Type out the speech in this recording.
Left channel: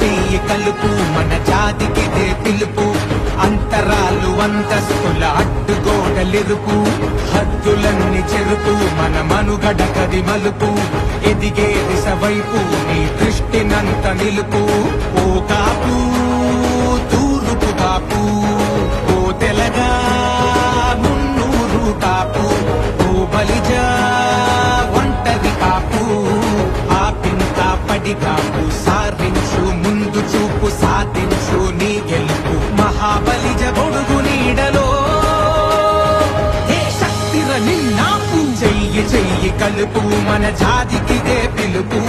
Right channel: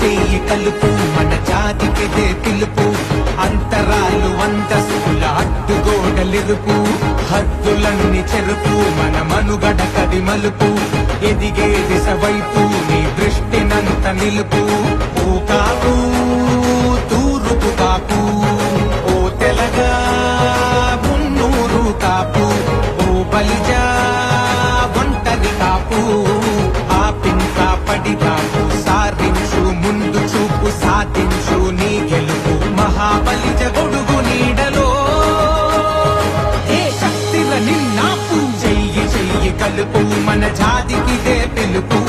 చెయ్యి కలుపు మన జాతికిదే పిలుపు అంతరాలు అంతస్తుల అడ్డుగోడలెరుపు హద్దులన్నీ చెరుపు మన మనుగడ కది మలుపు ఎదిగే దిశ వైపు నీ దృష్టినంత నిలుపు ఓ కాపు తూరుపు కాపు ఓ తెలగా మున్నూరు కాపు ఓ బలిజా ఒంటరి కాపు ఆపింకా కాపు సారించు ముందు చూపు సాధించు నీ గెలుపు మహాబలిజ గొడుగు నీడలో ఏ శక్తిర నిన్నాపు చెయ్యి కలుపు మన జాతికిదే పిలుపు